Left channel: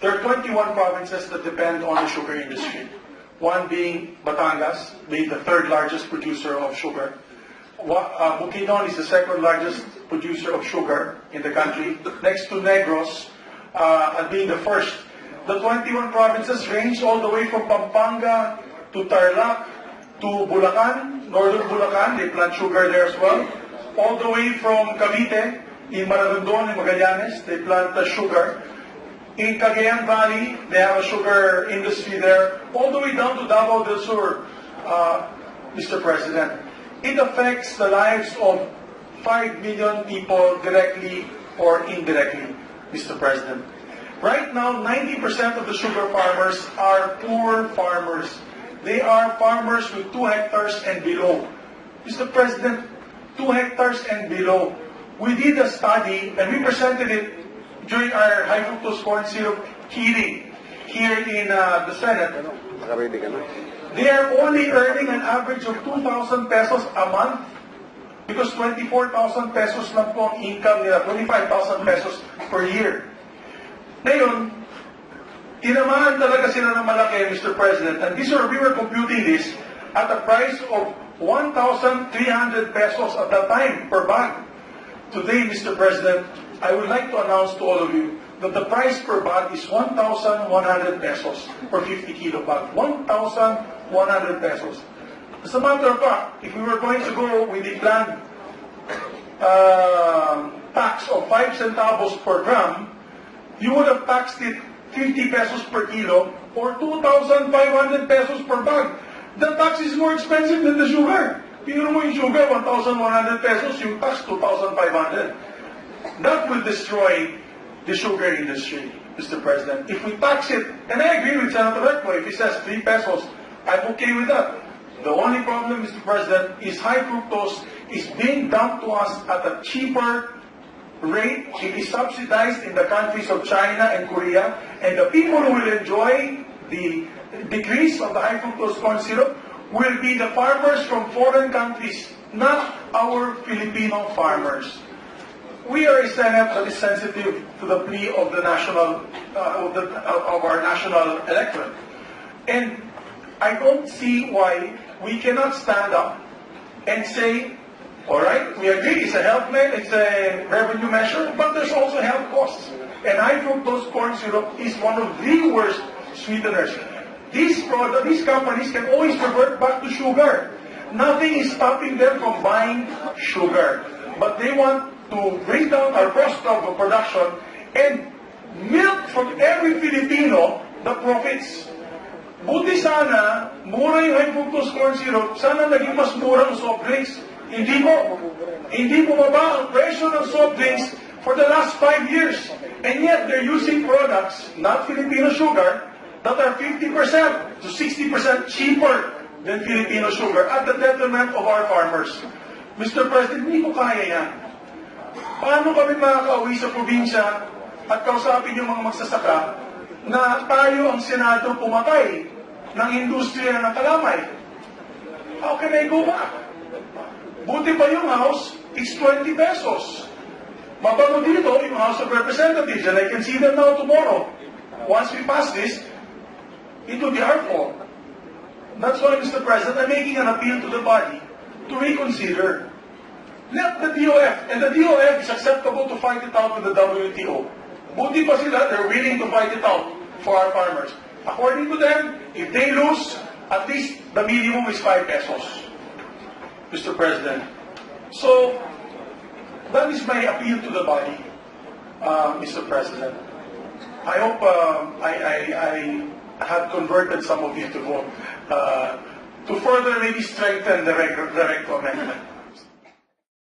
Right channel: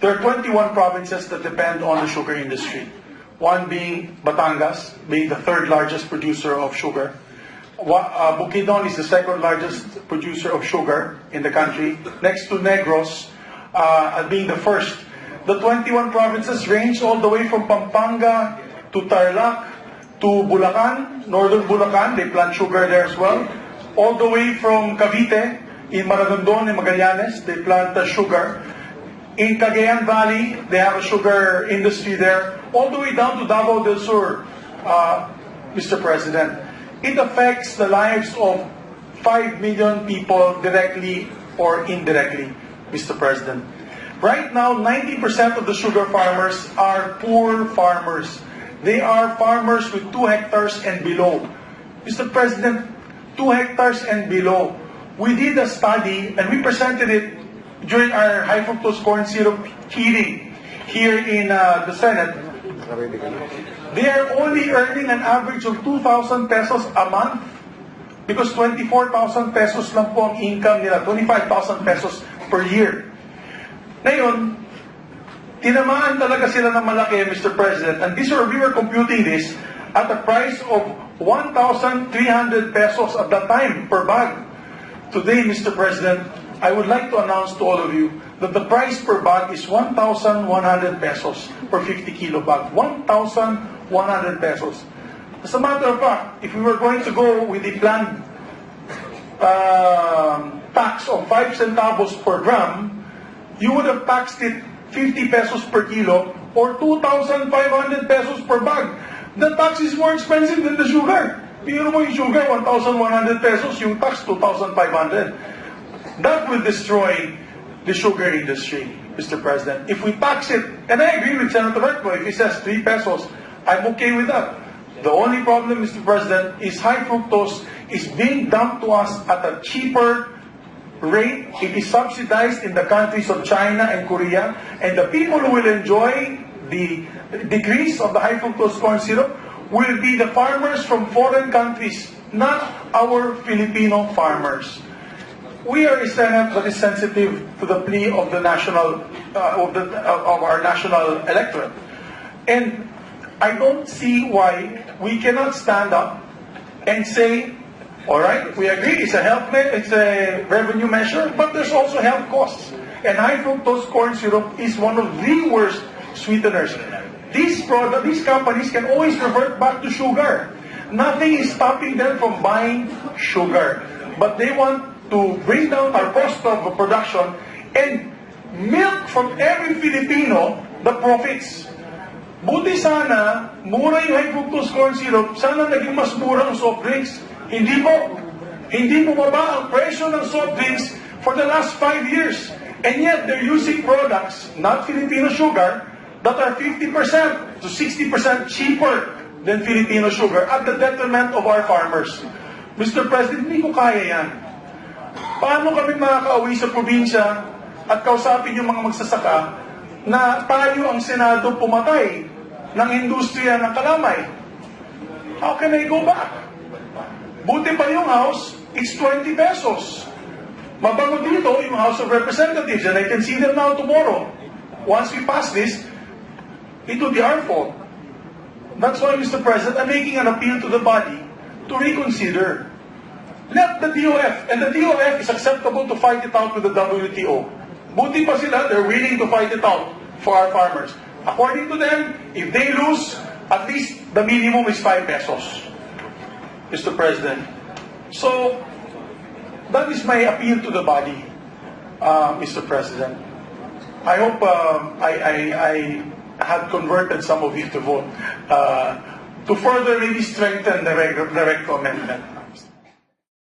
There are 21 provinces that depend on the sugar industry. One being Batangas, being the third largest producer of sugar. Bukidnon is the second largest producer of sugar in the country, next to Negros, being the first. The 21 provinces range all the way from Pampanga to Tarlac to Bulacan, northern Bulacan, they plant sugar there as well. All the way from Cavite, in Maragondon, in Magallanes, they plant sugar. In Cagayan Valley, they have a sugar industry there. All the way down to Davao del Sur, Mr. President. It affects the lives of 5 million people directly or indirectly, Mr. President. Right now, 90% of the sugar farmers are poor farmers. They are farmers with 2 hectares and below. Mr. President, 2 hectares and below. We did a study and we presented it during our high fructose corn syrup hearing here in the Senate. They are only earning an average of 2,000 pesos a month because 24,000 pesos lang po ang income nila, 25,000 pesos per year. Ngayon, tinamaan talaga sila ng malaki, Mr. President, and we were computing this at a price of 1,300 pesos at the time per bag. Today, Mr. President, I would like to announce to all of you that the price per bag is 1,100 pesos per 50 kilo bag. 1,100 pesos. As a matter of fact, if we were going to go with the planned tax of 5 centavos per gram, you would have taxed it 50 pesos per kilo or 2,500 pesos per bag. The tax is more expensive than the sugar. Tingnan mo yung sugar, 1,100 pesos, yung tax, 2,500. That will destroy the sugar industry, Mr. President. If we tax it, and I agree with Senator Recto, if he says 3 pesos, I'm okay with that. The only problem, Mr. President, is high fructose is being dumped to us at a cheaper rate. It is subsidized in the countries of China and Korea, and the people who will enjoy the decrease of the high fructose corn syrup will be the farmers from foreign countries, not our Filipino farmers. We are a Senate that is sensitive to the plea of the national, of our national electorate, and I don't see why we cannot stand up and say, all right, we agree, it's a health measure, it's a revenue measure, but there's also health costs. And high fructose corn syrup is one of the worst sweeteners. These companies can always revert back to sugar. Nothing is stopping them from buying sugar. But they want to bring down our cost of production and milk from every Filipino the profits. Buti sana, mura yung high fructose corn syrup, sana naging mas mura ang soft drinks. Hindi bumaba ang presyo ng soft drinks for the last 5 years. And yet, they're using products, not Filipino sugar, that are 50% to 60% cheaper than Filipino sugar at the detriment of our farmers. Mr. President, hindi ko kaya yan. Paano kami makakauwi sa probinsya at kausapin yung mga magsasaka na tayo ang Senado pumatay ng industriya ng kalamay? How can I go back? Buti pa yung House, it's 20 pesos. Mabago dito yung House of Representatives, and I can see them now tomorrow. Once we pass this, it will be our fault. That's why, Mr. President, I'm making an appeal to the body to reconsider. Let the DOF, and the DOF is acceptable to fight it out with the WTO. Buti pa sila, they're willing to fight it out for our farmers. According to them, if they lose, at least the minimum is 5 pesos, Mr. President. So, that is my appeal to the body, Mr. President. I hope I have converted some of you to vote to further really strengthen the recto amendment.